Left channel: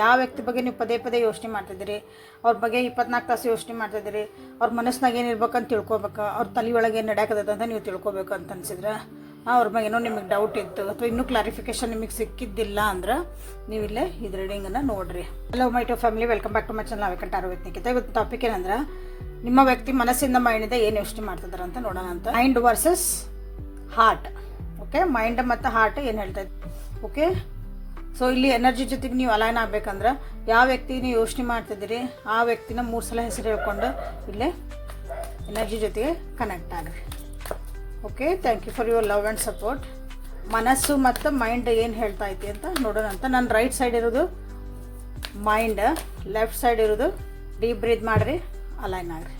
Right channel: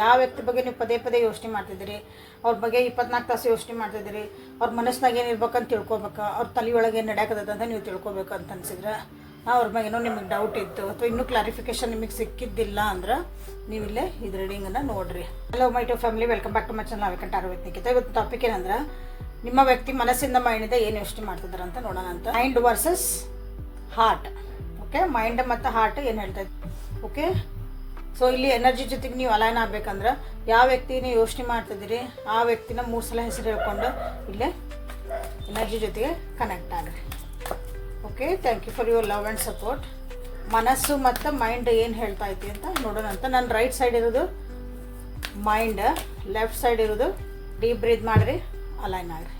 ಯಾವ ವ್ಯಕ್ತಿ ಬಗ್ಗೆ ನೀವು ಪದೇ ಪದೇ ಯೋಚನೆ ಮಾಡ್ತಿದ್ದೀರಿ, ಅವ್ರ ಬಗ್ಗೆ 24 ತಾಸು ಯೋಚನೆ ಮಾಡ್ತಿದ್ದೀರಿ, ಅವ್ರ ಮನಸ್ಸಿನಾಗ ಏನು ಇರ್ಬೇಕಂತ ತಿಳ್ಕೊಬೇಕು, ಅವ್ರ ತಲೆಯೊಳಗೆ ಏನು ನಡೆಯಕತ್ತದ ಅಂತ ನೀವು ತಿಳ್ಕೊಬೇಕು ಅಂತ ಅನ್ಸಿದ್ರೆ, ಅವ್ರ ಬಗ್ಗೆ ಏನೋ ನಿಮಗೆ ಡೌಟ್ ಇತ್ತು ಅಥವಾ ಇನ್ನೂ ಕ್ಲಾರಿಫಿಕೇಶನ್ ನಿಮಗೆ ಸಿಕ್ಕಿದ್ದಿಲ್ಲ ಅಂದ್ರೆ ನೀವಿಲ್ಲೇ ಇದು ರೀಡಿಂಗನ್ನು ನೋಡಿರಿ. Hello my to family, welcome back to my channel ಅವಿಕಂಠ ಆರೋಗ್ಯಕ್ಕೆ. ಇವತ್ತು ಟಾಪಿಕ್ ಏನಂದ್ರೆ, ನಿಮ್ಮ ವ್ಯಕ್ತಿ ಮನಸ್ಸಿಂದ ಮೈಂಡಿಂದ ಏನು ಯೋಚನೆ ಮಾಡ್ತಿದ್ದಾರೆ ಅಂತ ನೋಡೋಣ ಅಂತ. Mind versus heart. Okay, mind ಮತ್ತು ಹಾರ್ಟ್ ಏನು ಹೇಳ್ತಾ ಇತ್ತು. ಓಕೆ, ಸೊ ಇಲ್ಲಿ ಎನರ್ಜಿ ಜೊತೆಗೆ ನೀವು ಅಲೈನ್ ಆಗಬೇಕಂದ್ರೆ ಯಾವ ವ್ಯಕ್ತಿ ನೀವು ಯೋಚನೆ ಮಾಡ್ತಿದ್ದೀರಿ ಆ ವ್ಯಕ್ತಿನ 3 ಸಲ ಹೆಸರು ಹೇಳ್ಕೊಂಡು ಇಲ್ಲೇ ಎನರ್ಜಿ ಜೊತೆಗೆ ಕನೆಕ್ಟ್ ಆಗ್ರಿ. Okay, thank you for your love and support. ಮನಸ್ಸು ಮತ್ತು ಮೈಂಡ್ ಏನು ಹೇಳ್ತಾ ಐತಿ ಅಂತ ನೋಡೋಣ ಅಂತ. ನನ್ನ ರೈಟ್ ಸೈಡ್ ಇರೋದು ಮೈಂಡ್, ಲೆಫ್ಟ್ ಸೈಡ್ ಇರೋದು ಡೀಪ್ ಬ್ರೀತ್ ಮಾಡಿರಿ, ಅಲೈನ್ ಆಗ್ರಿ.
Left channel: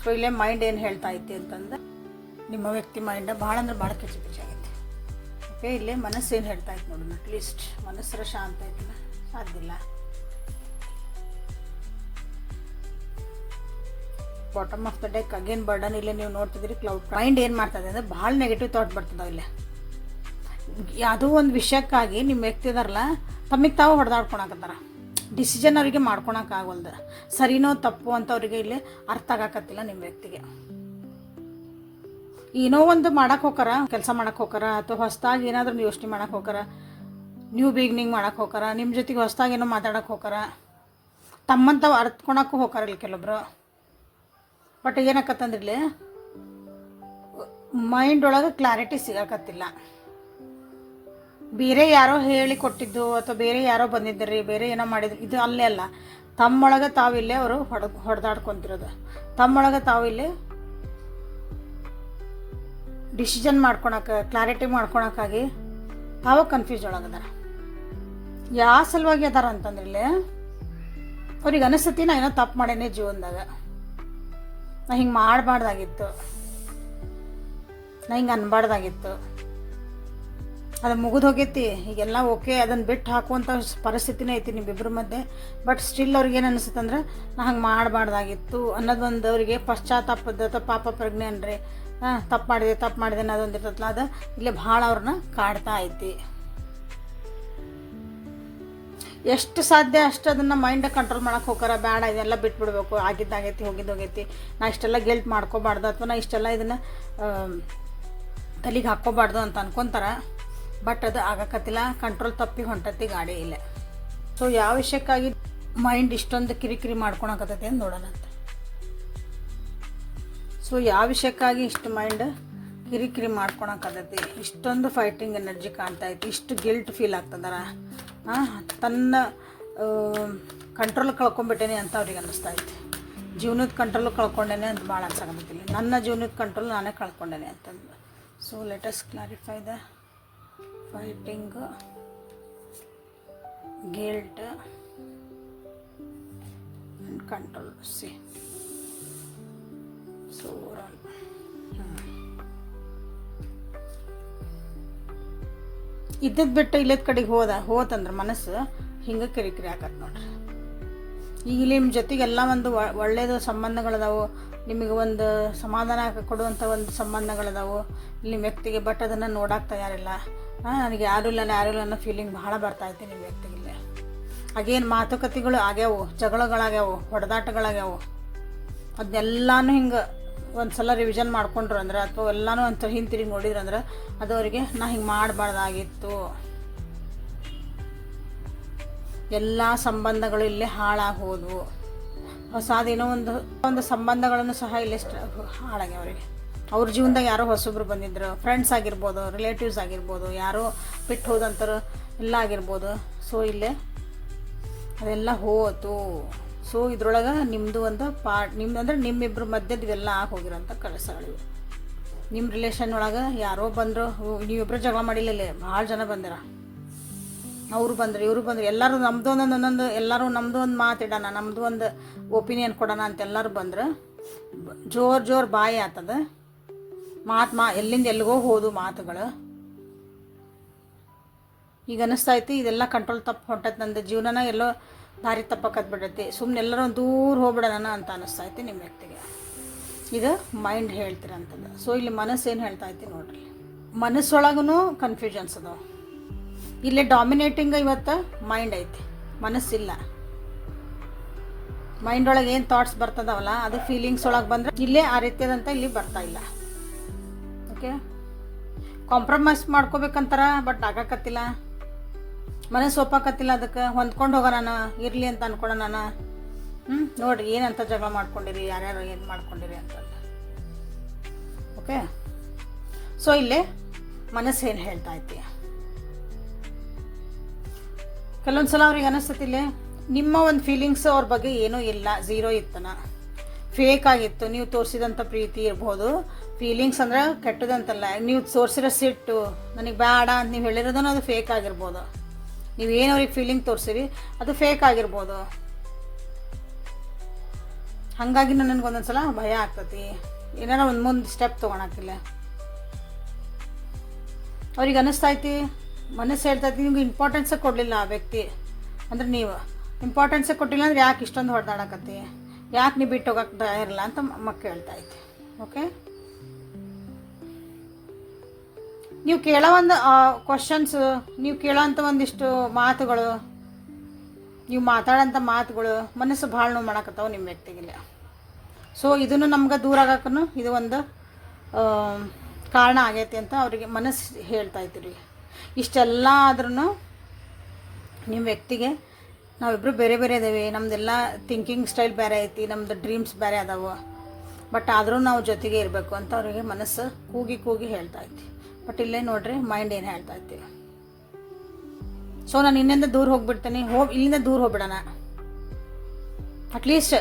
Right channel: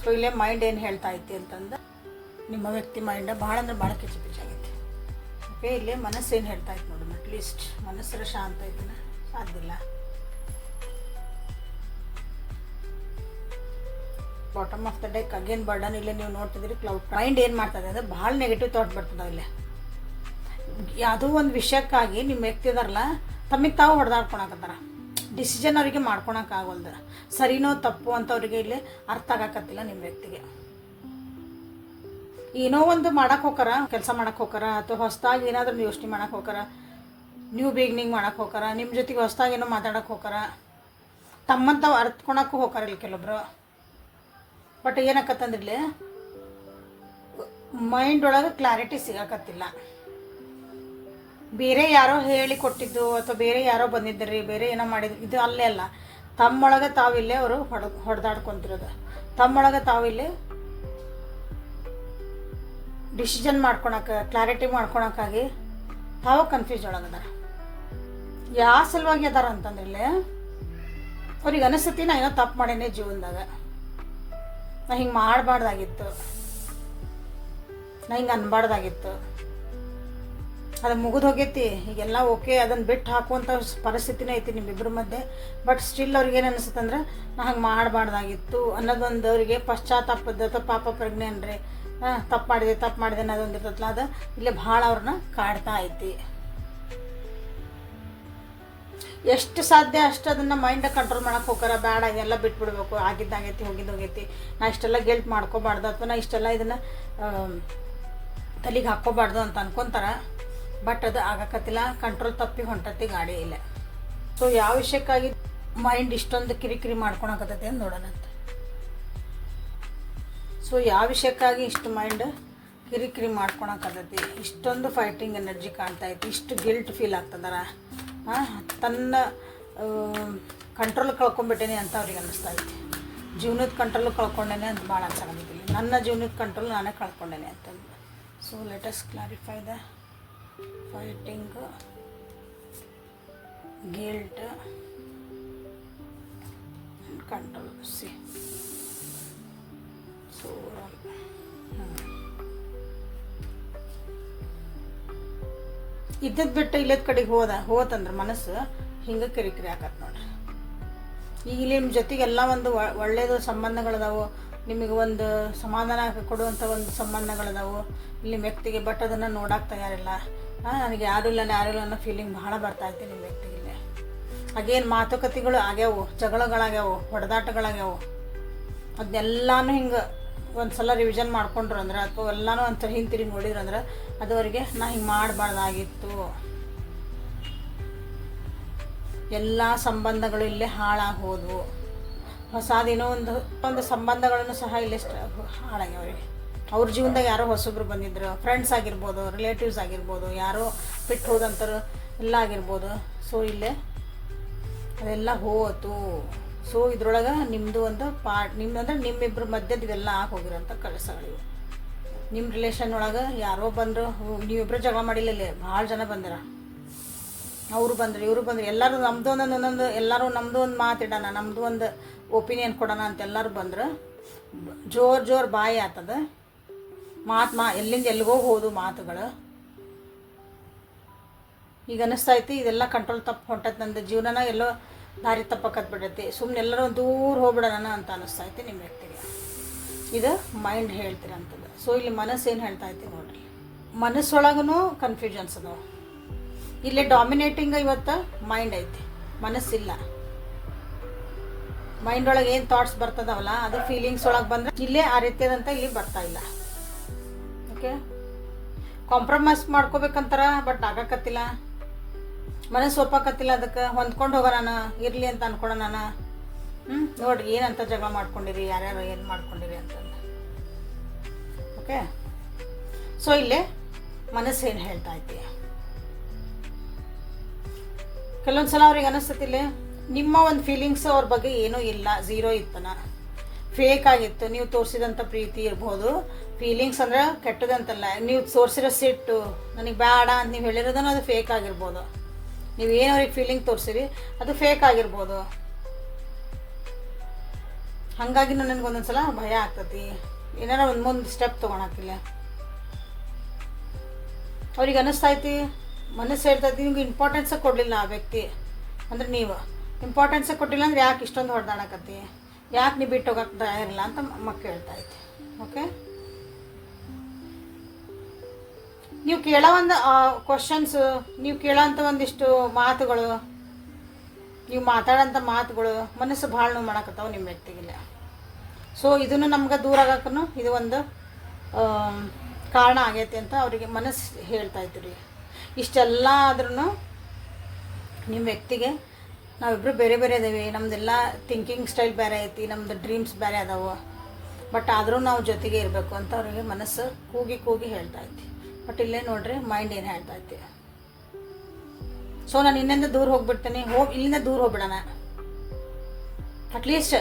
ಸೊ ಇಲ್ಲೇ ಮೈಂಡ್ ಏನು ಹೇಳ್ತಾ ಐತಿ ಅಂತಂದ್ರೆ, ನಿಮ್ಮ ವ್ಯಕ್ತಿ ಮೈಂಡ್ ಭಾಳ ಅಂದ್ರೆ ಭಾಳ ಕಿಚ್ಚು ಆಗೈತಿ. ಓಕೆ, ಇಲ್ಲೇ ಮನಸ್ಸು ಏನು ಹೇಳ್ತಾ ಇತ್ತು ನೋಡೋಣ. ಅಟ್ಲೀಸ್ಟ್ ಮನಸ್ಸರ ಶಾಂತ ಐತಿನ ಸಾಧ್ಯಲ್ಲ. Bottom of the deck again burden. ಇಲ್ಲೇ ನೀವು ನೋಡ್ತಿದ್ದೀರಿ ಕ್ಲೌಡ್. ಮೈಂಡ್ ಏನು ಮಾಡ್ತದೆ ಅಂದರೆ ಭಾಳ ನೆಗೆಟಿವ್ ಥಾಟ್ ಬರ್ತದೆ. ಇಲ್ಲೇ ಯಾವುದೋ ಒಂದು ವಿಷಯಕ್ಕಾಗಿ ನಿಮ್ಮ ವ್ಯಕ್ತಿ ಇದಾರಲ್ಲ ತಮಗೆ ತಾವು ಹೊಡೆದಾಡ್ಕೊಳಕತ್ತಾರ. ಡಿಸಿಷನ್ ಅವರಿಗೆ ಮಾಡ್ಕೊಳಕ್ಕಾಗಲ್ದು. ಸರಿನೋ ತಪ್ಪು ಅಂತ ಅವರಿಗೆ ಇಲ್ಲಿ ಅರ್ಥ ಆಗಕತ್ತಿಲ್ಲ ನಿಮ್ಮ ವ್ಯಕ್ತಿಗೆ. ಏನೋ ಒಂದು ಮಾಡಕ್ಕೆ ಹೋಗಾರ, ಕೆಲಸ ಮಾಡಕ್ಕೆ ಹೋಗಾರ, ಅಥವಾ ಹೊಸದಾಗಿ ಏನಾದರೂ ಯೋಚನೆ ಮಾಡಕ್ಕೆ ಹೋಗಾರ, ನ್ಯೂ ಬಿಗಿನಿಂಗ್ ಮಾಡಕ್ಕೆ ಹೋಗಾರ, ನಿಮ್ಮ ಜೊತೆಗೆ ಹೊಸದಾಗಿ ಏನೋ ಮಾತಾಡಕ್ಕೆ ಹೋಗಾರ, ತಮ್ಮಂತವು ಅರ್ತ್ಕೊಳಕ್ಕೂ ಹೋಗಾರ ಇಲ್ಲಿ ಕೆಲವೊಬ್ರು. ಬಟ್ ಏನಾಕತ್ತಂದ್ರಲ್ಲಿ ಮೈಂಡ್ ಒಳಗೆ ಕ್ಲಾರಿಟಿ ಸಿಗಾಕತ್ತಿಲ್ಲ. ಬೇರೆ ಯಾರೋ ಹೇಳಿ ಕೊಟ್ಟಿದ್ದು ಅಥವಾ ಬೇರೆ ಯಾರೋ ಬಂದಿದ್ದರಿ, ಬೇರೆ ಏನೋ ಮಾಡಿದ್ರು, ಇದು ಅಲ್ಲೇ ಅಲ್ಲ. ತಮ್ಮೊಳಗೆ ತಾವಿಲ್ಲೇ ಅವರು ಹೊಡೆದಾಡ್ಕೊತಿರೋದು. ತಮ್ಮೊಳಗೆ ತಾವಿಲ್ಲೇ ಡಿಸಿಷನ್ ಮಾಡ್ಕೊಳಕ್ಕೆ, ಕ್ಲಾರಿಟಿ ಮಾಡ್ಕೊಳಕ್ಕಾಗಿ ತಾವು ಕನ್ಫ್ಯೂಸ್ ಒಳಗದಾರ. ಯಾವ ಸಲುವಾಗಿ ಅದಾರ ಅಂತಂದ್ರೆ, ಅವ್ರಿಗೆ ಅನಿಸ್ತತಿ ನಾ ಏನೋ ತಪ್ಪು ಮಾಡೇನೆ ಜೀವನದಾಗ, ನಾ ಹಿಂಗೆ ಮಾಡಬಾರ್ದಾಗಿತ್ತು, ನಾ ಹಿಂಗೆ ಅನ್ಬಾರ್ದಾಗಿತ್ತು, ಅದು ಮುಗಿದು ಹೋಗೈತಿ, ಈಗೆಲ್ಲ ಓಕೆ, ಅದನ್ನು ಬಿಟ್ಟು ಹಾಕುವಂಥ ಪರಿಸ್ಥಿತಿನೇ ಐತಿ ನಿಮ್ಮಿಬ್ಬರ ಮಧ್ಯೆ. ಬಟ್ ಸ್ಟಿಲ್ ಅವ್ರಿಗೆ ಏನು ಅನಿಸುತ್ತೆ ಅಂದ್ರೆ, ನಾ ಹಂಗೆ ಮಾಡಬಾರ್ದಾಗಿತ್ತು ಅನ್ನೋದೊಂದು ಅವರಿಗೆ ಪಶ್ಚಾತ್ತಾಪದ ಅಥವಾ ಪಾಪ ಪ್ರಜ್ಞೆ ಅನ್ರಿ, ತಪ್ಪು ಮಾಡಿದೆ ಅನ್ನೋದೊಂದು ಇರ್ತಲ್ಲ, ಅದು ಇಲ್ಲೇ ಭಾಳ ಅವ್ರನ್ನ ಕಾಡ್ತಾ ಐತಿ. ಎಷ್ಟು ಸಾಧ್ಯ ಅಷ್ಟು ಅದನ್ನು ಮೈಂಡ್ ಕಂಟ್ರೋಲ್ ಮಾಡಕ್ಕೆ ಹೋಗಾರ. ಬೇಡ, ಇದೆಲ್ಲ ಬಿಟ್ಬಿಡ್ಬೇಕು, ಆಗಿದ್ದಾಗೈತಿ, ಹೋಗಿದ್ದೋಗೈತಿ, ನಾ ಇಷ್ಟೆಲ್ಲ ಗಿಲ್ಟ್ ಮಾಡ್ಕೋಬಾರ್ದು, ಅಥವಾ ನಾ ಇಷ್ಟೆಲ್ಲ ಇದನ್ನು ತಲೆಗೆ ಹಾಕ್ಕೋಬಾರ್ದು ಅಂತ ಅನ್ಕೊತಾರ. ಬಟ್ ಅದು ಆಗಕತ್ತಿಲ್ಲ, ಕಂಟ್ರೋಲ್ ತಪ್ಪಿ ಹೊಂಟತಿ ಗಾಡಿ ಇಲ್ಲ. ಸೊ ಯಾವ ವಿಷಯಕ್ಕಾಗಿ ಮೈಂಡ್ ಇಷ್ಟೊಂದು ಕಿರಿಕಿರಿ ಮಾಡ್ಕೊಳಕತ್ತೈತಿ ಅಂತ ನೋಡೋಣ ಅಂತ. ಸೊ ಯಾವ ವಿಷಯಕ್ಕಾಗಿ ಇಷ್ಟು ಮೈಂಡ್ ಕಿರಿಕಿರಿ ಮಾಡ್ಕೊಳಕತ್ತೈತಿ, ಇಷ್ಟೊಂದು ಫೈಟಿಂಗ್ ಎನರ್ಜಿ ಕಾಣ್ತಾ ಐತಿ, ಇಷ್ಟು ಗಿಲ್ಟ್ ಫೀಲ್ ಆಗ್ತದಾರ, ತನ್ನ ಕಂಟ್ರೋಲ್ ಕಳ್ಕೊಂಡ್ಬಿಟ್ಟೇನೆ ಅಂತ ಅವ್ರಿಗೆ ಅನ್ನಿಸ್ತಾ ಐತಿ. ಜೀವನದ ಕಂಟ್ರೋಲ್ ಕಳ್ಕೊಂಡೇನೆ ಅಂತ ಭಾಳ ಅನ್ಸಾಗತ್ತಿಲ್ಲ. ನನ್ನ ಜೀವನದ ಕಂಟ್ರೋಲ್ ನಾನೇ ಕಳ್ಕೊಂಡೇನೆ ಅಂತಂದು. So let us clarify the fighting, guilt and control. C so ಇದ್ದದ್ದು ಬಿಟ್ಟು ಇಲ್ಲದ ಕಡೆಗೆ ಹೋತಂದ್ರೆ ಮನಸ್ಸು ಹಿಂಗೆ ಕಿರಿಕಿರಿ ಆಗತ್ತೆ ನೋಡ್ರಿ. ಈಗ ನಿಮ್ಮ ಜೊತೆಗೆ ಎಲ್ಲ ಒಂದು ಒಳ್ಳೆಯದು ಸಂಬಂಧಗಳದಾವು, ನಿಮಗೆ ಒಂದು ಸಮಾಧಾನ ಕೊಡುವಂಥ ಒಂದು ಸಂಬಂಧಗಳದಾವು ನಿಮ್ಮ ವ್ಯಕ್ತಿಗೆ. ಬಟ್ ಅದನ್ನು ನೋಡಕ್ಕೆ ತಯಾರಿಲ್ಲ. ನನಗೆ ಯಾರೂ ಇಲ್ಲ ಅನ್ನೋ ಫೀಲಿಂಗ್ ಭಾಳ ಬರ್ತಾ ಐತಿ ನಿಮ್ಮ ವ್ಯಕ್ತಿಗೆ. ಹಾಗೇನು ಮಾತುಕತೆಗಳು ಆಗ್ಯಾವು, ಜಗಳಗಳಾಗ್ಯಾವು, ಹೊಡೆದಾಟಗಳಾಗ್ಯಾವು, ಅದನ್ನೆಲ್ಲನೂ ಹಿಂಗೆ ಒಂದು ಸಲ ರಿವಿಷನ್ ಮಾಡ್ಕೊಂಡ್ರು ಅಂದ್ರೆ, ಅಥವಾ ಎಲ್ಲನೂ ಒಂಥರ ಹಿಂತಿರುಗಿ ನೋಡಿದ್ರು ಅಂದ್ರೆ, ಅದು ಅವರಿಗೆ ನಾ ಹಿಂಗೆ ಮಾಡಬಾರ್ದಾಗಿತ್ತು, ಎಲ್ಲ ಸಂಬಂಧಗಳು ಇಲ್ಲೇ ಹಾಳಾಗಿ ಹೋದವು, ಹೊಸದೇನೋ ಒಂದು ಸಂಬಂಧಗಳನ್ನು ಸಹ ಇಲ್ಲೇ ಹಾಳಾಗ್ಯಾವ ಅವರಿಗೆ. ಅವ್ರ ಜೀವನದಾಗ ಯಾರೋ ಹೊಸಬ್ರು ಬಂದಿದ್ರು, ಫ್ರೆಂಡ್ಸ್ ಆಗಿರ್ಬೋದು, ರಿಲೇಟಿವ್ಸ್ ಆಗಿರ್ಬೋದು, ಯಾರೋ ಬಿಟ್ಟು ಹೋದಂಥರು ಎಲ್ಲ ಆಗಿರ್ಬೋದು. ಸೊ ಇಲ್ಲೇ ಅದೆಲ್ಲ ಹೋತು. ಸೊ ಇದ್ರೊಳಗೆ ನಿಮ್ಮದು ಒಂದು ನಿಮ್ದು ಅಂದರೆ ನಿಮ್ಮಿಬ್ಬರ ಮಧ್ಯದ ಇವೆಲ್ಲ ಹೋಗಿರೋಂಥ ಕೆಲಸಗಳಿವೆ. ನಿಮ್ಮ ರಿಲೇಷನ್ ಒಳಗೆ ಯಾರೋ ಬಂದರು, ನೀವಿಬ್ಬರು ಜಗಳ ಮಾಡಿಲ್ಲ, ಇಲ್ಲಿ ಭಾಳ ಜನ ಬಂದಿರ, ಅವರು ಬಂದರು, ಇವರು ಬಂದರು, ಎಲ್ಲರೂ ನಮ್ಮದು ಒಂದೊಂದು, ಎಲ್ಲರೂ ನಮ್ಮದು ಒಂದು ಮಾತಿಡೋಣ, ನಮ್ಮದು ಒಂದು ಒಪಿನಿಯನ್ ಕೊಡೋಣ ಅಂತ ಎಲ್ಲರೂ ಬಂದ್ರೆ ಜೋರು ಬಾಯಿ ಆತದ. ಎಲ್ಲಿಂದ ಎಲ್ಲಿಗೋ ಹೋದು ಮಾತುಗಳು. ಈಗ ಅನ್ನಿಸ್ತೈತಿ ಇದೆಲ್ಲ ಕಂಟ್ರೋಲ್ ತಪ್ಪು ಹೊಂಟೈತಿ, ನಂದು ಜೀವನನ ಎಲ್ಲೋ ದಾರಿ ತಪ್ಪಕತ್ ಬಿಡೈತಿ, ಸುಮ್ಮನೆ ಎಲ್ಲರೂ ದೂರ ಹೋಗ್ಬಿಡೋಣ ಅಂತ ಅನ್ನಿಸ್ತೈತಿ ನಿಮ್ಮ ವ್ಯಕ್ತಿಗೆ. ಇದು ಮೈಂಡ್ ಹೇಳ್ತಿರಂಥದ್ದು. ಸೊ ಇಲ್ಲಿ ಮನಸ್ಸು ಏನು ಹೇಳ್ತಾ ಐತಿ ನೋಡ್ರಿ. ಮನಸ್ಸೊಳಗೂ ಕನ್ಫ್ಯೂಷನ್ಸ್ ಅದಾವೆ. ಇಲ್ಲೇ ಡಾಮಿನೇಟಿಂಗ್ ಇವತ್ತು ಮೈಂಡ್ ಐತಿ, ಮನಸ್ಸಿಲ್ಲ. ಮೈಂಡ್ ಒಳಗೆ ಏನು ಥಾಟ್ಸ್ ಬರ್ತದವಲ್ಲ ಅದು ಫೀಲಿಂಗ್ಸ್ ಒಳಗೆ ಬಂದರೆ ಇಲ್ಲೇ ಆ ರೀತಿಯಾದಂಥ ಇಲ್ಲಿ ಬರ್ತಾ ಇಲ್ಲ. ಓಕೆ, ಕಾಂಪ್ರಮೈಸ್ ಮಾಡ್ಕೋಬೇಕಂತಾರ, ಬಟ್ ಆಗಕತ್ತಿಲ್ಲ, ಮನಸ್ಸು ಒಪ್ಪಕತ್ತಿಲ್ಲ. ಅದಕ್ಕೆ ಹೊಂದ್ಕೊಂಡು ಹೋಗೋಣ ನಾನು, ಇರಲಿ ಅಂತ ಅನ್ಕೊಳ ನಾನು. ನೋಡ್ರಿ ಏನಂತ ಜಗಳ ಮಾಡ್ಕೊಂಡಿರಿ, ಯಾರ್ಯಾರು ಏನು ಮಾಡ್ಕೊಂಡಿರಿ ಅಂತಂದು. ಓಕೆ, ಸೊ ಇಲ್ಲೇ ಮನಸ್ಸು ಏನು ಹೇಳ್ತಾ ಐತಿ, ಕೆಲವೊಂದ್ಸಲ ಅವ್ರಿಗೆ ಅನಿಸ್ತತಿಲ್ಲೇ ನಿಮ್ಮ ಒಂದು ಫೀಲಿಂಗ್ಸ್ ಅವ್ರ ಬಗ್ಗೆ ಏನೂ ಇಲ್ಲ, ಝೀರೋ ಇತ್ತನ, ಫೇಕ್ ಆಗಿತ್ತು. ನೀವು ತೋರಿಸಿದಂಥ ಪ್ರೀತಿ ಇರ್ಬೋದು, ಫೀಲಿಂಗ್ಸ್ ಅಂದ್ರೆ ಕೆಟ್ಟದಂತಲ್ಲ, ನೀವು ತೋರಿಸಿರೋ ಸಿಟ್ಟು ನನಗೆ ಬೇಡ ಅಂತ ನೀವು ಹೇಳಿರೋದನ್ನು ಅದು ಫೇಕ್ ಆಗಿರ್ಬೋದು. ನೀವು ಏನು ಅವ್ರಿಗೆ ಫೀಲಿಂಗ್ ತೋರಿಸಿರಿ ಅದು ಫೇಕ್ ಆಗಿರ್ಬೋದು. ಹಾಗಾಗಿ ನನಗೆ ಒಂದೊಂದ್ಸಲ ಭಯ ಆಗ್ತತಿ, ಏನಾರ ಒಂದು ಮುಂದೆ ಸ್ಟೆಪ್ ತೊಗೊಳಕ್ಕಿಲ್ಲ. ಅವ್ರಿಗೆ ಅನ್ನಿಸ್ತೈತಿ, ಮನಸ್ಸು ಹೇಳ್ತೈತಿ ನಿಮ್ಗೆ ಇಂಪಾರ್ಟೆನ್ಸೇ ಕೊಡಲಿಲ್ಲ ಆ ವ್ಯಕ್ತಿ, ಅಂದ್ರೆ ನೀವು ಇಂಪಾರ್ಟೆನ್ಸೇ ಕೊಟ್ಟಿಲ್ಲ ಅಂದ್ರೆ ಯಾಕೆ ಇಷ್ಟೊಂದು ಹೊಡೆದಾಡಕತ್ತಿ, ಯಾಕೆ ನೀವು ಬಿಟ್ಟು ಹೋಗಕ್ಕೆ ತಯಾರಿಲ್ಲ ಅಂತ ಮಕ್ಕ ಹೇಳ್ತಾ ಐತಿ. ಓಕೆ, ನೀವು ಕೇಳೋ ಒಂದು ಕ್ವಶನ್ಸ್, ನೀವು ಕೇಳೋಂಥ ಒಂದಿಷ್ಟು ಮಾತುಗಳು, ನೀವು ಮಾತಾಡೋಂಥ ಮಾತುಗಳು ಮನಸ್ಸು ಭಾಳ ನೋವು ಮಾಡಕತ್ತಾವ ನಿಮ್ಮ ವ್ಯಕ್ತಿಗಿಲ್ಲ. ಸೊ ಇದನ್ನು ನಮ್ಗೆ ದೂರ ಆಗಕ್ಕೂ ಇದು ಒಂದು ಕಾರಣ ಆಗೈತಿ ಅಂತ ಅವರಿಗೆ ಮನಸ್ಸು ಹೇಳ್ತಾ ಇದ್ದೀರಿ. ಇಷ್ಟೆಲ್ಲ ಆದ್ರೂ ನಿಮ್ಮ ವ್ಯಕ್ತಿಗೆ ನಾವಿಬ್ಬರು ಬೇರೆ ಬೇರೆ ಇದ್ದೀವಿ, ನಮ್ಮದೆಲ್ಲ ಥಿಂಕಿಂಗ್ ಸ್ಟೈಲ್ ಬೇರೆ ಐತಿ, ನಮ್ಮದು ಡ್ರೀಮ್ಸ್ ಬೇರೆ ಅದಾವೆ, ಬಟ್ ಆದರೂ ನಾವು ಜೊತೆಗೆ ಇರಬೇಕು ಅಂತ ಅವರಿಗೆ ಮನಸ್ಸು ಕೂಗಿ ಕೂಗಿ ಹೇಳ್ತಾ ಐತಿ. ಬಟ್ ಇಲ್ಲೇ ನೋಡ್ರಿ ಮೈಂಡ್ ಏನು ಹೇಳ್ತಾ ಐತಿ, ಸೊ ನಾನು ಇನ್ನಿಂದ ದೂರ ಹೋಗ್ಬಿಡ್ತೀನಿ, ಇಲ್ಲಿಂದ ದೂರ ಹೋಗ್ಬಿಡೋಣ. ಅಟ್ಲೀಸ್ಟ್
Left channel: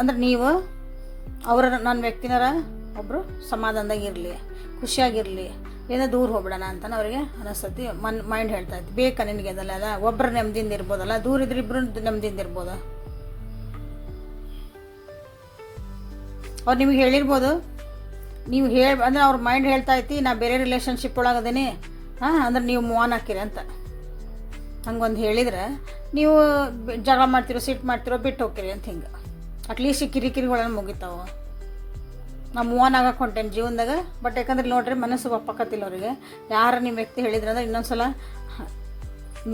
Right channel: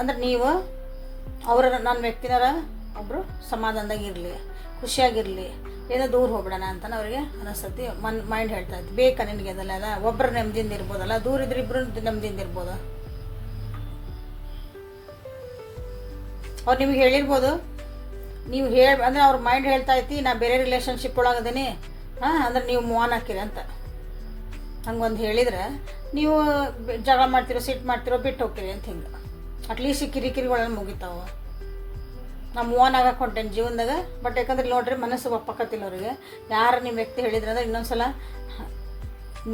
ಅಂದ್ರೆ ನೀವು ನನ್ನ ವ್ಯಕ್ತಿನಾರ ಒಬ್ಬರು ಸಮಾಧಾನದಾಗಿರಲಿ, ಖುಷಿಯಾಗಿರಲಿ, ಏನೋ ದೂರ ಹೋಗ್ಬಿಡೋಣ ಅಂತ ಅವ್ರಿಗೆ ಅನಿಸ್ತತಿ. ಮೈಂಡ್ ಹೇಳ್ತಾ ಇತ್ತು, ಬೇಕಾ ನಿನಗೆ ಅದಲ್ಲ, ಅಲ್ಲ ಒಬ್ಬರು ನೆಮ್ಮದಿಯಿಂದ ಇರ್ಬೋದಲ್ಲ, ದೂರ ಇದ್ರೆ ಇಬ್ಬರು ನೆಮ್ಮದಿಯಿಂದ ಇರ್ಬೋದು. ಅವ್ರು ನಿಮಗೆ ಹೇಳಿರ್ಬೋದು, ನೀವು ಅಂದ್ರೆ ಅವ್ರ ಮೈಂಡ್ ಹೇಳ್ತಾ ಐತಿ ನಾ ಬೇರೆ ರಿಲೇಷನ್ಶಿಪ್ ಒಳಗದೇನೆ, ಅಂದ್ರೆ ನೀವು ಮೂವ್ ಆನ್ ಹಾಕಿರಿ ಅಂತ ಹಂಗೊಂದು ಹೇಳಿದ್ರೆ ನೀವು ಜಗಳ ಮಾಡ್ತಿರೋ, ಸಿಟ್ಟು ಮಾಡ್ತಿರೋ, ಬಿಟ್ಟು ಹೋಗ್ತೀರಿ ಅಂತ. ಹಿಂಗೆ ಅಟ್ಲೀಸ್ಟ್ ಕಿರಿಕಿರಿಗಳನ್ನು ಮುಗಿತಾವ. ನಾವು ಮೂವ್ ಆನ್ ಆಗಕ್ಕೆ ಹೊಂಟೇನೆ ಜೀವನದಾಗ, ಬಟ್ ಯಾಕಂದ್ರೆ ನೋಡ್ರಿ ಮನಸ್ಸು ಒಪ್ಪಕತ್ತಿಲ್ಲ ಅವ್ರಿಗೆ. ಯಾರು ನಿಮ್ಮ ವ್ಯಕ್ತಿ ಹೇಳಿದ್ರೆ ಅಂದ್ರೆ ಇನ್ನೊಂದ್ಸಲ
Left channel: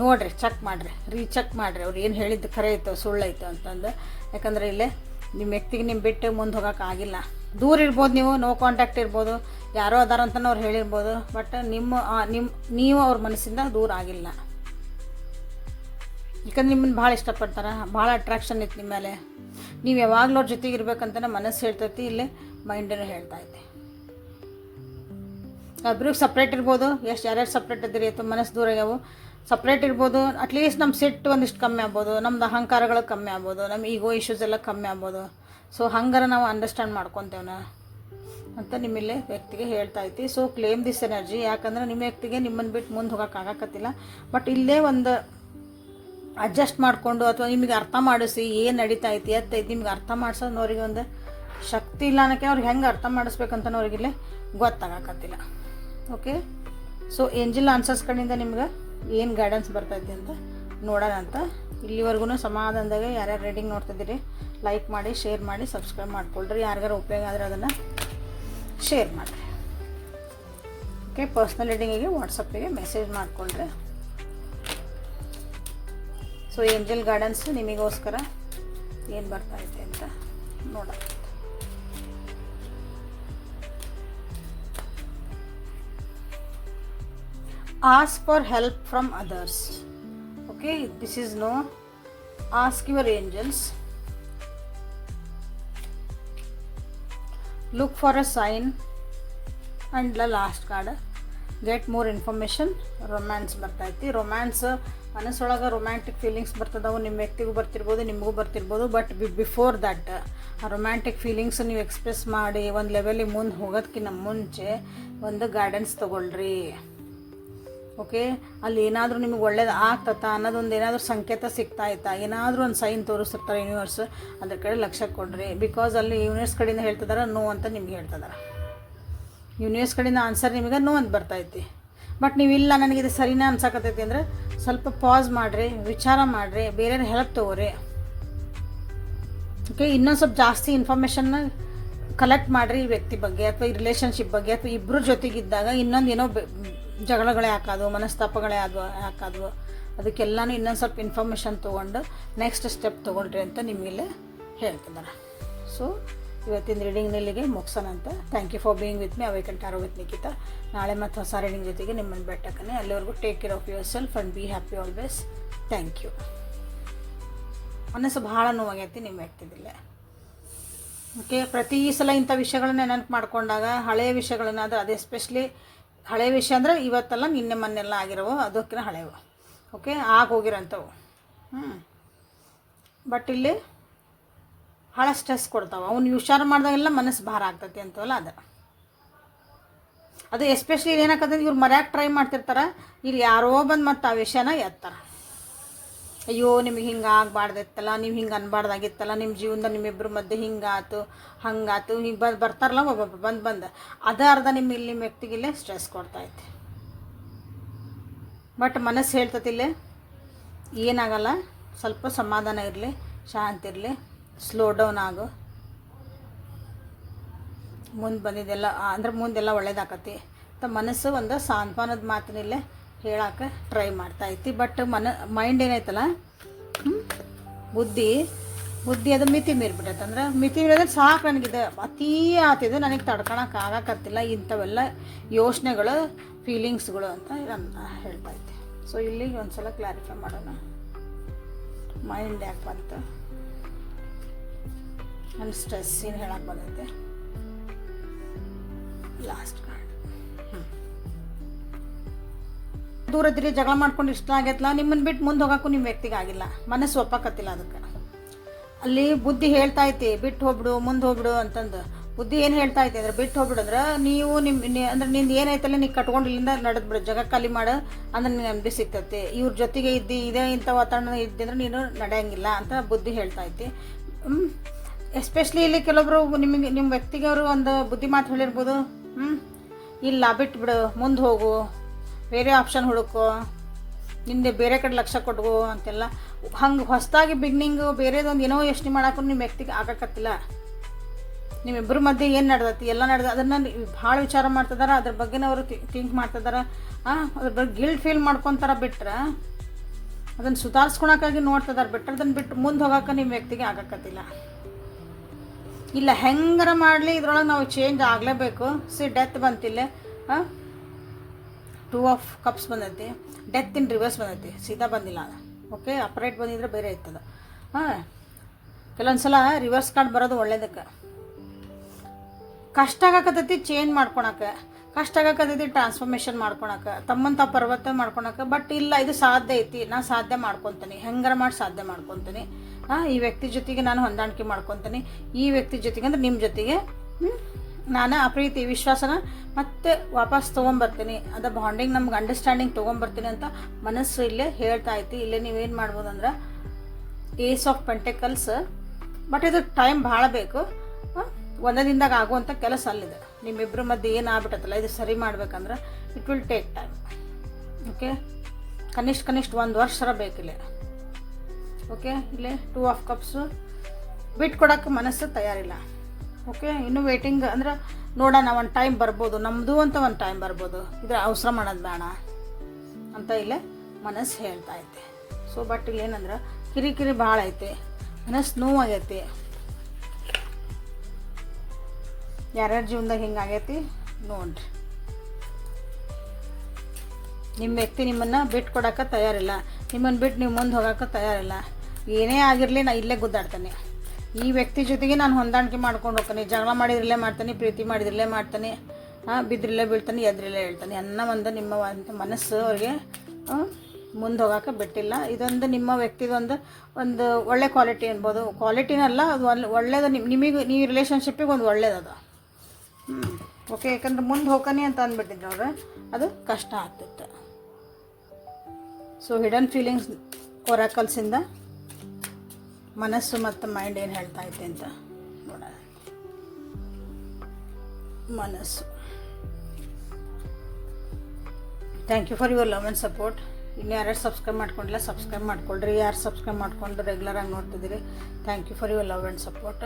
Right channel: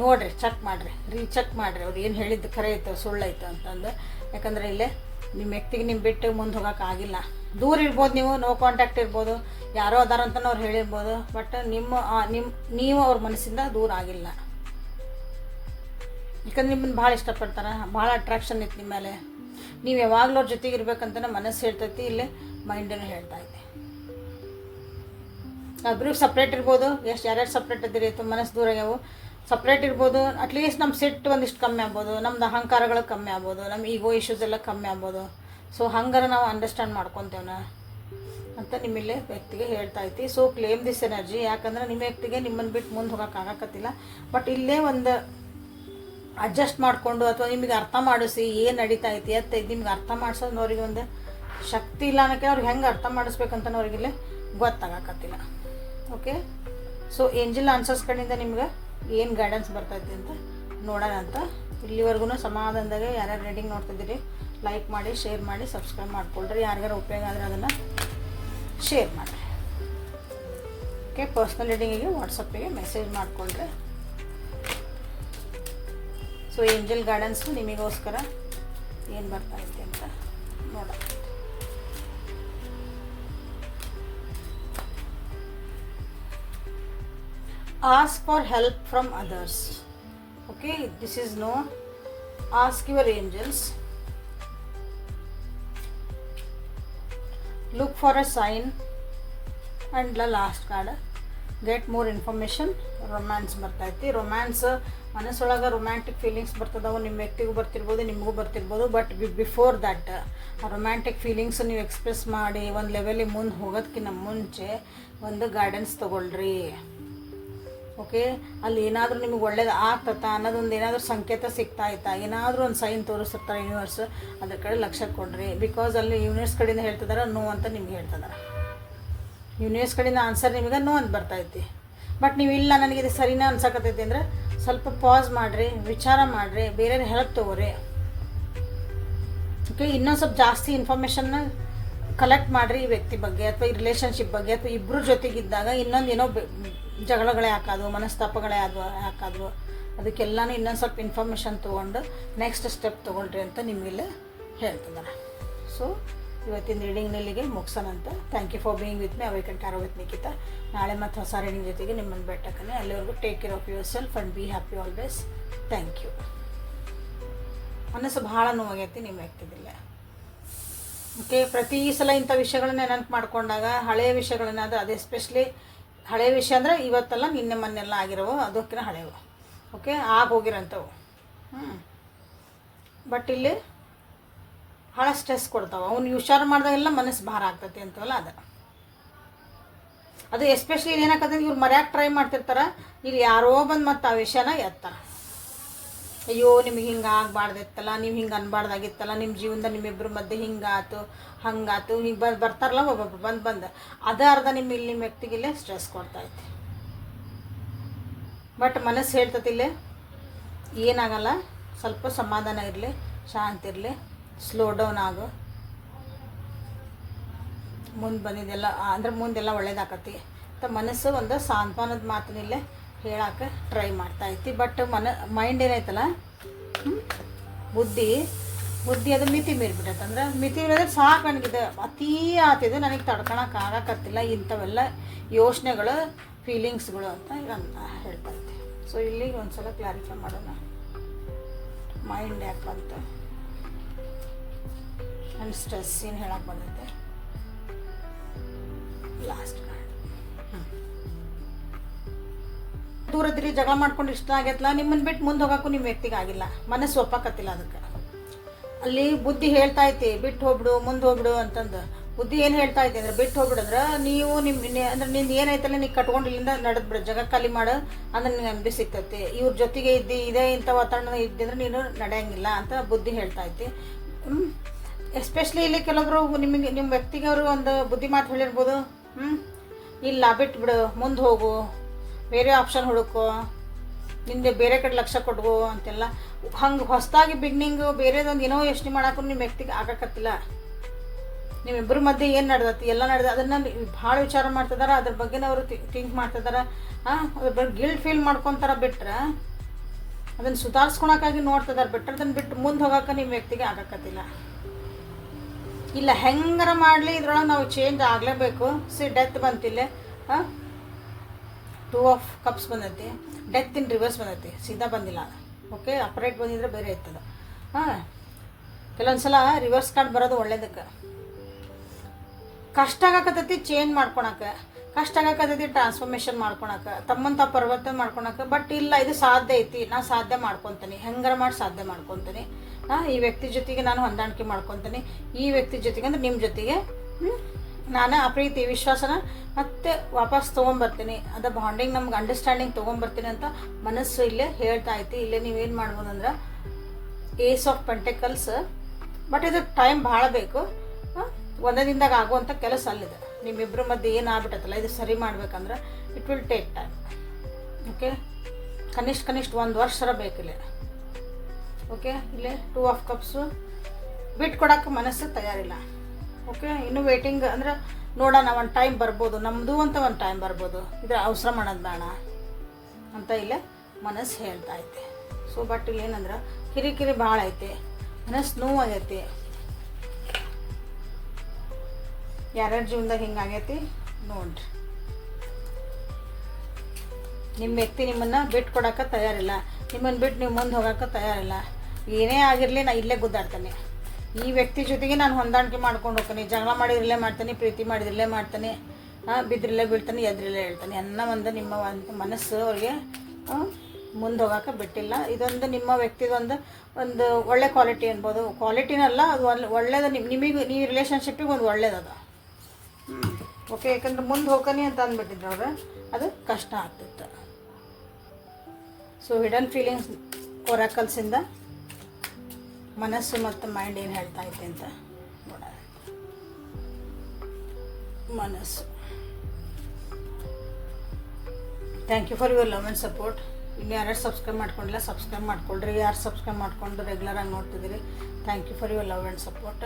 ನೋಡ್ರಿ, ಚೆಕ್ ಮಾಡಿರಿ, ರೀಚೆಕ್ ಮಾಡಿರಿ, ಅವ್ರು ಏನು ಹೇಳಿದ್ದು ಖರೆ ಐತೋ ಸುಳ್ಳೈತೋ ಅಂತಂದು. ಯಾಕಂದರೆ ಇಲ್ಲೇ ನಿಮ್ಮ ವ್ಯಕ್ತಿಗೆ ನಿಮ್ಮ ಬಿಟ್ಟು ಮುಂದೆ ಹೋಗೋಕೆ ಆಗಿಲ್ಲ. ದೂರ ಇರ್ಬೋದು, ನೀವು ನೋ ಕಾಂಟ್ಯಾಕ್ಟ್ ಇರ್ಬೋದು, ಯಾರೋ ಅದಾರ ಅಂತಲೂ ಅವ್ರು ಹೇಳಿರ್ಬೋದು, ಬಟ್ ನೀವು ಅವ್ರ ಮನಸ್ಸಿಂದ ದೂರ ಆಗಿಲ್ಲ. ಯಾಕಂದ್ರೆ ನಿಮ್ಮನ್ನು ಭಾಳ ಇಷ್ಟಪಡ್ತಾರೆ, ಭಾಳ ಅಟ್ರಾಕ್ಷನ್ ಇತ್ತು ನಿಮ್ಮ ಮೇಲೆ, ನೀವು ಯಾವಾಗಲೂ ಅವ್ರ ಜೊತೆಗೆ ಇರ್ಬೇಕಂತಲೇ ಮನಸ್ಸು ಹೇಳ್ತೈತಿ, ಇಲ್ಲೇ ಮೈಂಡನ್ನು ಹೇಳ್ತಾ ಐತೆ. ಒಬ್ರು ಸಪ್ರೇಟ್ ಇರ್ಬೋದು, ಎಷ್ಟು ಯಾರ್ಯಾರು ಸಪ್ರೇಟ್ ಇದ್ದೀರಿ ಅಥವಾ ಮನಸ್ಸು ದೂರ ಆಗ್ಯಾವು, ಸಪ್ರೇಟ್ ಇರ್ಬೋದು. ಅಟ್ಲೀಸ್ಟ್ ನಮ್ಮ ಸಿಟ್ಟು ಒಂದಿಷ್ಟು ಕಮ್ಮಿ ಆಗ್ಬೋದು, ನಮ್ದು ಅಹಂಕಾರಗಳು ಕಮ್ಮಿ ಆಗ್ಬೋದು, ನಮ್ಮ ಈಗೋ ಇಶ್ಯೂಸ್ ಎಲ್ಲ ಕಮ್ಮಿ ಆಗ್ಬೋದು. ಸೊ ಹಂಗಾರ ನಾವು ಅಂಡರ್ಸ್ಟ್ಯಾಂಡ್ ಮಾಡ್ಕೊತೇವೆ ಅಂತ ನಿಮ್ಮಲ್ಲೇ ವ್ಯಕ್ತಿಗೆ ಹೇಳ್ತಾ ಐತಿ. ಸೊ ಕ್ಲೇಮ್ ದಿಸ್ ಎನರ್ಜಿ, ಯಾಕಂದ್ರೆ ನಿಮ್ಮ ವ್ಯಕ್ತಿಗೆ ನಿಮ್ಮನ್ನು ಬಿಟ್ಟು ಮುಂದೆ ಹೋಗೋಕೆ ಆಗಕತ್ತಿಲ್ಲ. ಬಟ್ ಇಲ್ಲೇ ಒಂದು ಅಡ್ಜಸ್ಟ್ ಮಾಡಿಕೊಂಡು ಅಥವಾ ನಿಮಗೆ ಅರ್ಥ ಮಾಡಿಸಿ ಏನು ನಡೀತಾ ಐತಿ ಅಂತ ನಿಮ್ಗೆ ಅರ್ಥ ಮಾಡಿಸೋದು ಅವ್ರಿಗೆ ಒಂದು ಶಕ್ತಿ ಇಲ್ಲ ಅನ್ನೋಕ್ಕೆ, ಅವ್ರಿಗೆ ಹೆಂಗೆ ಅರ್ಥ ಮಾಡಿಸ್ಬೇಕಂತ ಅವ್ರಿಗಿಲ್ಲೇ ಗೊತ್ತಾಗಕತ್ತಿಲ್ಲ. ಓಕೆ, ಸೊ ಏಂಜಲ್ ಆನ್ಸರ್ಸ್ ಕಡೆಯಿಂದ ನಿಮ್ಗೆ ಏನು ಗೈಡೆನ್ಸ್ ಬರ್ತೈತೆ ಅಂತ ನೋಡೋಣ ಅಂತ. ಇಲ್ಲಿವರೆಗೂ ಸಮಾಧಾನದಾಗೆ ಯಾರ್ಯಾರು ರೀಡಿಂಗ್ ನೋಡ್ತಿದ್ದೀರಿ ಲೈಕ್ ಮಾಡಿ, ಶೇರ್ ಮಾಡಿ, ಸಬ್ಸ್ಕ್ರೈಬ್ ಮಾಡ್ಕೊಳ್ರಿ. ಯಾರಿಗಾರು ಉಪಯೋಗ ಆದರೆ ಅದನ್ನು ಶೇರ್ ಮಾಡಿರಿ. ಓಕೆ, ಪರ್ಸ್ನಲ್ ರೀಡಿಂಗಿಗೆ ವಾಟ್ಸಪ್ಪಿಗೆ ಮೆಸೇಜ್ ಮಾಡಿಕೊಂಡ್ರೆ ಸೊ ಏಂಜಲ್ ಗೈಡೆನ್ಸ್ ನಿಮಗೋಸ್ಕರ ಏನು ಬರ್ತಾ ಐತೆ ಅಂತ ನೋಡೋಣ. Ask for help from others. Okay, this is no. Ask your angels. Look for a sign. And the last card, get more information. Romance ಬರ್ತೈತಿ. Romance ಮನಸ್ಸೊಳಗೆ romantic feelings ಬರ್ತದವು, ನಿಮ್ಮ ವ್ಯಕ್ತಿಗೂ ಬರ್ತಿರ್ಬೋದು, ನಿಮಗೂ ಬರ್ತಿರ್ಬೋದು. ಬಟ್ ಬಿಫೋರ್ ದಟ್ ಆ ರೊಮ್ಯಾಂಟಿಕ್ ಫೀಲಿಂಗ್ಸ್ ನೀವು express ಮಾಡಿ ಒಂದು ಲೆವೆಲಿಗೆ ಮುಂದೆ ಹೋಗೋದಕ್ಕಿಂತ ಮುಂಚೆ ಒಂದು ಗೈಡೆನ್ಸ್ ತೊಗೊಳ್ರಿ. ಓಕೆ, ಅಲ್ಲಿ ಏನಾದರೂ ನಿಮಗೆ ಒಳ್ಳೇದು ಆಗ್ತತಾ ಅನ್ನೋದೊಂದು ಏನಾದರೂ ಸಂಕೇತ ಸಿಗ್ತಾ ಐತಾ, ಏನಾದರೂ ಒಂದು ಸೈನ್ ತೋರಿಸ್ತಿರ್ತಾರೆ ಯೂನಿವರ್ಸ್, ಅದ್ರ ಕಡೆ ಲಕ್ಷ್ಯ ಕೊಡ್ರಿ. ಬಿಕಾಸ್ ಅಲ್ಲಿ ಯೂನಿವರ್ಸ್ ಕಡೆಯಿಂದ ಹೇಳ್ತಿದಾರೆ ನೋ ಅಂತ ನಿಮ್ಗೆ ಹೇಳ್ತಿದ್ದಾರೆ. ಯೂನಿವರ್ಸ್ ಕಡೆಯಿಂದ ಆನ್ಸರ್ ನಿಮಗೆ ನೋ ಅಂತ ಬರ್ತೈತಿ. ಬಟ್ ನೀವು ಇಲ್ಲ ನನಗಿದು ಸರಿನಾ ಅನ್ಸಕತ್ತೈತಿ ಅಂದರೆ ಸ್ವಲ್ಪ ಪಾಸ್ ಮಾಡಿರಿ, ವಿಚಾರ ಮಾಡಿರಿ, ಬೇರೆ ಹೆಲ್ಪ್ ತೊಗೋರಿ. ಓಕೆ, ಇನ್ನೊಂದು ಸ್ವಲ್ಪ ಜಾಸ್ತಿ ಇನ್ಫಾರ್ಮೇಷನ್ನ ಕಲೆಕ್ಟ್ ಮಾಡಿರಿ ಈ ವ್ಯಕ್ತಿ ಬಗ್ಗೆ ಅಥವಾ ಈ ರಿಲೇಷನ್ಶಿಪ್ ಬಗ್ಗೆ, ಅಥವಾ ಇಬ್ಬರು ಜೊತೆಗಿದ್ದಾಗ ಇನ್ನೊಂದು ಏನೋ ಜಗಳಗಳೇ ಯಾಕಾದವು, ಮನಸ್ತಾಪಗಳೇ ಯಾಕಾದವು, ಅದಕ್ಕೆಲ್ಲನೂ ಇನ್ನೊಂದು ಸ್ವಲ್ಪ ಇನ್ಫಾರ್ಮೇಷನ್ ತೊಗೊಂಡು ನೆಕ್ಸ್ಟ್ ಸ್ಟೆಪ್ ತೊಗೊಂಡ್ರಿ ಅಂತ ನಿಮಗಿಲ್ಲೇ ಹೇಳ್ತಿದ್ದಾರೆ. ಸೊ ಇವತ್ತಿನ ರೀಡಿಂಗ್ ಇಲ್ಲಿಗೆ ಮುಗಿಸೋಣ ಅಂತ. Thank you for being with me awaken tarot with Nikhita. ನಾಳೆ ಮತ್ತು ಹೊಸ ರೀಡಿಂಗ್ ಜೊತೆಗೆ ನಿಮ್ಮನ್ನು ಭೇಟಕ್ಕನೆ. ಅಲ್ಲಿವರೆಗೂ take care of yourself and be happy always. Thank you. ಮನಸ್ಸು ಭಾಳ ನೋವಾಗೈತಿ ನಿಮ್ಮ ವ್ಯಕ್ತಿದಿಲ್ಲ. ಓಕೆ, ಪ್ರತಿ ಸಲ ಇಂಥ ವಿಷಯಗಳನ್ನ ನೆನಪು ಮಾಡ್ಕೊಂಡಾಗ ಹಳೆಯ ವಿಷಯಗಳನ್ನಾದ್ರೆ, ಅದು ಎಸ್ಪೆಷಲಿ ಹಳೆಯ ವಿಷಯ ಅಂದರೆ ಇವತ್ತೆಲ್ಲ ನಿನ್ನೆ ಮೊನ್ನೆಲ್ಲ ಆಗಿರೋವು, ಅದಕ್ಕೆ ಹಳೆಯವು. ಓಕೆ, ಹೋಗಿರೋಂಥವು. ಬಟ್ ಇಲ್ಲಿ ಭಾಳ ಸ್ಟ್ರೆಸ್ ಕೊಡ್ತಾವೆ. ಅವ್ನು ಹುಷಾರು ಮಾಡಿದಾಗೆಲ್ಲ ಮನಸ್ಸು ಭಾರ ಆಗ್ತೈತಿ ಅಂತವಲ್ಲ ಅದು ಎಸ್ಪೆಷಲಿ ಏನಾಗ್ತದೆ, ಇವ್ರು ಮರ್ಯಾಕೆ ಟ್ರೈ ಮಾಡ್ತಿರ್ತಾರೆ, ಇಲ್ಲಿ ಯಾರೋ ಬಂದು ಮತ್ತು ಆ ವಿಷಯನ ಎತ್ತಾರೆ. ಅಯ್ಯೋ ನಿಮಗೆ ಹಿಂಗೆ ಆಗಬಾರ್ದಿತ್ತಲ್ಲ, ನೀವು ಹಿಂಗೆ ಅನ್ಬಾರ್ದಾಗಿತ್ತಲ್ಲ, ನಿಮ್ಮ ಜೀವನದ ನಿಮ್ಮಿಬ್ಬರ ಮಧ್ಯೆ ಹಿಂಗಾತು ಹಂಗಾತು, ಹಿಂಗೆ ಬರ್ತಾರಲ್ಲ ಒಬ್ಬೊಬ್ರು ಬಂದು ಅದೇ ಅರ್ಧ ನಿಮ್ಮ ವ್ಯಕ್ತಿಗಿಲ್ಲೇ ಸ್ಟ್ರೆಸ್ ಕೊಡ್ತೈತಿ. ಬಟ್ ಮನಸ್ಸು ಹೇಳ್ತತಿಲ್ಲೇ ಏನಾಗಲ್ಲ, ಸ್ವಲ್ಪ ಸಮಾಧಾನ ಇರಲಿ, ಶಾಂತಿ ಇರಲಿ, ಸ್ಲೋ ಡೌನ್ ಆಗು, ಮುಂದೆ ಬಂದಿದ್ದೆಲ್ಲ ಅಂದ್ರೆ ಮುಂದೆಲ್ಲ ಒಳ್ಳೇದಾಕತಿ ಅಂತ ಮನಸ್ಸು ಒಂದು ಸಾಂತ್ವನದ ಮಾತಿನಲ್ಲೇ ಹೇಳಕ್ಕೆ ಟ್ರೈ ಮಾಡ್ತಾಯಿತ್ತು. ಬಟ್ ಮೈಂಡ್ ಏನೈತಲ್ಲ, ಬುದ್ಧಿ ಅದು ಮಿತಿ ಮೀರಿಬಿಟ್ಟೈತೆ. ಅಂದ್ರೆ ಮಿತಿ ಮೀರಿದ್ರೆ ಸಾಕು, ನನಗಿದೆ ಅತೀ ಆತಿದೆ, ನನಗೆ ತಡ್ಕೊಳಕ್ಕೆ ಆಗಕತ್ತಿಲ್ಲ, ಇಂಥವೆಲ್ಲ ಯೋಚನೆಗಳು ಫೀಲಿಂಗ್ಸ್ಗಳು ಅಂತ ಹೇಳ್ತಾಯಿದ್ದೆ. ಸೊ ಇಲ್ಲಿಗೆ ಒಂದು ಸಲ ಕ್ಲಾರಿಫೈ ಮಾಡೋಣ. ಮೈಂಡ್ ಯಾಕೆ ಬಂತು, ನನ್ನ ಸ್ಟ್ರೆಸ್ ಏನು ಹೇಳಕ್ಕೆ ಬಂದೈತೆ. ಲಾಸ್ಟ್ ದೂರದಿರಿ, ಜಗಳ ಮಾಡ್ಕೊಂಡು ಇಷ್ಟ ಆಗೈತಲ್ಲ, ನಿಮ್ಮನ್ನು ಬಿಟ್ಟು ಮುಂದೆ ಹೋಗೋಕ್ಕೂ ನಿಮ್ಮ ವ್ಯಕ್ತಿಗೆ ಆಗಿಲ್ಲ, ಮನಸ್ಸು ಒಪ್ಪಕತ್ತಿಲ್ಲ. ಅದಕ್ಕೆ ಅಲ್ಲಿ ಬುದ್ಧಿ ಹೇಳ್ತಾ ಐತಿ ಬಿಟ್ಟು ಹೋಗ್ಬಿಡು, ಮುಂದೆ ಹೋಗ್ಬಿಡು ಅಂತಂದು. ಬುದ್ಧಿ ಏನು ಹೇಳ್ತಾ ಐತಿ ಅಂದ್ರೆ ಬಿಟ್ಟು ಹೋಗ್ಬಿಡಂದ್ರೆ ನೀವು ಅಂದ್ರೆ ನಿಂದು ಏನೈತಲ್ಲ ನೀ ಕಟ್ಕೊಂಡು ಇಲ್ಲಿಂದ ನಡೆದ್ಬಿಡು, ಜಗ ಖಾಲಿ ಮಾಡು ಅಂದ್ರೆ ನೀನು ನೆಮ್ಮದಿ ಸಿಗ್ತೈತಿ. ಇವ್ರ ಜೊತೆಗೆ ಇದೇ ಇಂಥ ವಾತಾವರಣ ಇದ್ದಿದ್ರೆ ನೀನು ನಡೆಯಂಗಿಲ್ಲ ಅಂತ ಬುದ್ಧಿ ಹೇಳ್ತಾ ಐತಿ. ಎಸ್ಪೆಷಲಿ ಇಲ್ಲಿ ಕೆಲವೊಬ್ರು ನಿಮ್ಮ ವ್ಯಕ್ತಿಗೆ ಅವರು ಒಂದು ಬುದ್ಧಿ ಮಾತು ಹೇಳಿರ್ಬೋದು, ಇಲ್ಲ ಬಿಟ್ಬಿಡು, ಮುಂದೆ ಹೋಗು, ಬೇರೆ ಆಪ್ಷನ್ ಹುಡುಕೋ, ನಿಂದೆ ಬೇರೆ ಕಡೆ ಲಕ್ಷ್ಯ ಕೊಡ್ಗೋ ಅಂತೆಲ್ಲ. ಹಂಗೆ ಹೊಸದಾಗಿ ಬಿಗ್ನಿಂಗು ಬೇರೆದೊಂದು ಏನೋ ಯೋಚನೆ ಮಾಡೋಕ್ಕೂ ನಿಮ್ಮ ವ್ಯಕ್ತಿಗೆ ಆಗಕತ್ತಿಲ್ಲ. ನಿಮ್ಮಿಬ್ಬರ ಮಧ್ಯೆ ಏನು ನಡೆದೈತಿ ಎಲ್ಲ ಅದನ್ನು ಭಾಳ ವಿಚಾರ ಮಾಡ್ತಿದಾರ, ಅದ್ರ ಬಗ್ಗೆನೇ ಅವರು ಥಿಂಕ್ ಮಾಡ್ತಿದಾರ. ಅದ್ರ ಬಗ್ಗೆ ಗಿಲ್ಟ್ ಫೀಲ್ ಮಾಡ್ಕೊತಾರ. ಬಿಟ್ರೆ ಅದನ್ನು ಸುಧಾರಿಸ್ಕೊಳಕ್ಕಾಗಿ ನೋಡ್ತಿದಾರೆ. ಬಿಟ್ಟರೆ ಅದನ್ನು ಬಿಟ್ಟು ಮುಂದೆ ಹೋಗೋಕೆ ನಿಮ್ಮ ವ್ಯಕ್ತಿಗೆ ಆಗಕತ್ತಿಲ್ಲ. ಇಲ್ಲ ಹೆಂಗಾರ ಮಾಡಲಿ ಇದ್ರೊಳಗೆ ನಾವು ಚೇಂಜ್ ಆಗಲೇಬೇಕು. ಡೆತ್ ಬಂತಿಲ್ಲ, 2 ಆಫ್ ಕಪ್ಸ್ ಬಂದೈತಿ, ಡೆತ್ ಇನ್ ರಿವರ್ಸ್ ಬಂದೈತಿ, ಸೀದಾ ಬಂದಿಲ್ಲ. ಓಕೆ, ಅಪ್ರೈಟ್ ಬಂದಿದ್ರೆ ಬೇರೆ ಇರ್ತದೆ. ಕೆಲವೊಂದ್ಸಲ ರಿವರ್ಸ್ ಕಾರ್ಡ್ ಬರೋದು ಒಳ್ಳೇದಕ್ಕೆ. ಕಷ್ಟ ಆಗಕತ್ತೈತಿ ಚೇಂಜ್ ಮಾಡ್ಕೊಳಕ್ಕೆ, ಕಷ್ಟ ಆಗಕತ್ತೈತಿ ಟ್ರಾನ್ಸ್ಫಾರ್ಮೇಷನ್ ಮಾಡ್ಕೊಳಕ್ಕೆ, ತಮ್ಮಂತ ಪರಿವರ್ತನೆ ಮಾಡ್ಕೊಳಕ್ಕೆ. ಬಟ್ ಇಲ್ಲ, ಇದು ಸಾಧ್ಯ ಐತಿ, ನಾನು ಸಾಧ್ಯ ಮಾಡ್ಕೊತೀನಿ, ಹೆಂಗಾರ ಮಾಡಿ ಸಾಧ್ಯ ಮಾಡ್ಕೊತೀನಿ. ಈ ವ್ಯಕ್ತಿ ಜೊತೆಗೆ ನಾನು ಹೊಂದಾಣಿಕೆ ಮಾಡ್ಕೊತೀನಿ, ಈ ವ್ಯಕ್ತಿ ಜೊತೆಗೆ ಅಂದ್ರೆ ನಿಮ್ಮ ಜೊತೆಗೆ ನಾನು ಆ ಪ್ರೀತಿ ವಿಶ್ವಾಸನ ಮತ್ತೆ ವಾಪಸ್ ತೊಗೊಂಬರ್ತೀನಿ, ಅದು ಬಾಂಡಿಂಗ್ ನಮ್ಗೆ ಅಂಡರ್ಸ್ಟ್ಯಾಂಡಿಂಗ್ ತೊಗೊಂಬರ್ತೀನಿ ಅಂತ ಮನಸ್ಸು ಇಲ್ಲೇ ಹೇಳ್ತಾ ಐತಿ. ಇಲ್ಲೇ ನೀವೇನು ಮಾಡ್ಬೋದಂದ್ರೆ ಏಸ್ ಆಫ್ ಪೆಂಟೆಕಲ್ಸ್. ಬಟ್ ಇದು ಟೈಮ್ ಭಾಳ ಬೇಕು. ಒಂದೇ ದಿನದಾಗ ಆಗುವಂಥ ಕೆಲಸ ಅಲ್ಲಿದೆ. ನಿಮ್ಮಿಬ್ಬರ ಮಧ್ಯೆ ಏನು ಆಗ್ಬಿಟ್ಟತ್ತಲ್ಲ, ಇದು ಸರಿ ಮಾಡ್ಬೇಕಂದ್ರೆ it will take time. Okay, ಕನಿಷ್ಠ 1 ವರ್ಷ ಬೇಕಿಲ್ಲ. ಓಕೆ, ಇಲ್ಲೇ 2 ಆಫ್ ಕಪ್ಸು ಬಿಟ್ಕೊಡೋಕ್ಕೆ ಮನಸ್ಸು ತಯಾರಿಲ್ಲ. ಓಕೆ, ಇನ್ನೂ ವೇಟಿಂಗ್ ಅಂದ್ರೆ ನೋಡೋಣ, ಒಂದು ಟೈಮ್ ಬರ್ಬೋದು, ನಮ್ಮದು ಅಂತ ಒಂದು ಟೈಮ್ ಬರ್ಬೋದು, ಇದ್ರ ಅವಸರ ಮಾಡೋದು ಬೇಡ ಅಂತ ಇಲ್ಲೇ ಮನಸ್ಸು ಹೇಳ್ತಾ ಐತೆ. ಸೊ ಬಟ್ ಇಲ್ಲೇನಂದ್ರೆ ಕಿರಿಕಿರಿ ಭಾಳ ಐತೆ, ಮನಸ್ಸು ನೋವಾಗೈತಿ. ಯಾರ್ಯಾರ ಜೀವನದಾಗ ಹಿಂಗಾಗೈತಿ ನೋಡ್ರಿ. ನಿಮ್ಮ ವ್ಯಕ್ತಿ ನಿಮ್ಮನ್ನು ಬಿಟ್ಕೊಡೋಕೆ ತಯಾರಿಲ್ಲ, ನಿಮ್ಮನ್ನು ಬಿಟ್ಟು ನೀವು ಮುಂದೆ ಹೋಗೋಕೆ ತಯಾರಿಲ್ಲ. ಏನೇ ಆಗಿರಲಿ ನಾ ಇಲ್ಲೇ ಗುದ್ದಾಡ್ತಾನೆ, ಈ ವ್ಯಕ್ತಿ ಜೊತೆಗೆ ನಾನು ಹೊಂದಾಣಿಕೆ ಮಾಡ್ಕೊಂಡು ಹೋಗ್ತಾನೆ. ಜಗಳ ಮಾಡಿದ್ರಲ್ಲೇ ಮಾಡ್ತಾನೆ, ಪ್ರೀತಿ ಮಾಡಿದ್ರಲ್ಲೇ ಮಾಡ್ತಾನೆ, ಬಿದ್ದಿರಲ್ಲೇ ಬೀಳ್ತಾನೆ, ಎದ್ರಲ್ಲೇ ಹೇಳ್ತಾನೆ ಅನ್ನೋ ಒಂದು ನಿಮ್ಮ ಮನಸ್ಸು ಅವ್ರಿಗೆ ಮುಂದೆ ಹೋಗೋಕೆ ಬಿಟ್ಟಿಲ್ಲ. ಇದೊಂದು ನಿಮ್ಮ ವ್ಯಕ್ತಿದೊಂದು ಒಳ್ಳೆ ಕ್ವಾಲಿಟಿ ಅನ್ಬೋದು. ಕ್ವಾಲಿಟಿನಲ್ಲ, ಅದು ಒಳ್ಳೇದು. ನಿಮಗೆ ನೀವು ರಿಲೇಷನ್ಶಿಪ್ಪಿಗೆ ಒಂದು ಒಳ್ಳೇದದು. ಓಕೆ, ಯಾಕಂದ್ರೆ ಮುಂದೆ ಹೋಗ್ತಾನೆ ಅಂತ ಅಂದ್ಬಿಟ್ಟಿದ್ರು ಅವ್ರು, ಅದು ಕಷ್ಟ ಆಗ್ತಿತ್ತು. ಸೊ ಹಿಡನ್ ಫೀಲಿಂಗ್ಸ್ ಒರಾಕಲ್ಸಿಂದ ಮನಸ್ಸು ಮತ್ತು ಮೈಂಡ್ ಏನು ಹೇಳ್ತಾ ಐತೆ ಅಂತ ನೋಡೋಣ. ಮನಸ್ಸು, thank you for your love and support. ಇನ್ನು ಯಾರ್ಯಾರು ಸಬ್ಸ್ಕ್ರೈಬ್ ಮಾಡ್ಕೊಂಡಿಲ್ಲ ಸಬ್ಸ್ಕ್ರೈಬ್ ಮಾಡ್ಕೊಳ್ರಿ. ಯಾರು ಸಬ್ಸ್ಕ್ರೈಬ್ ಮಾಡ್ಕೊಂಡು ರೆಗ್ಯುಲರಾಗಿ ನೋಡ್ತಿದ್ದೀರಿ, thank you for your love and support.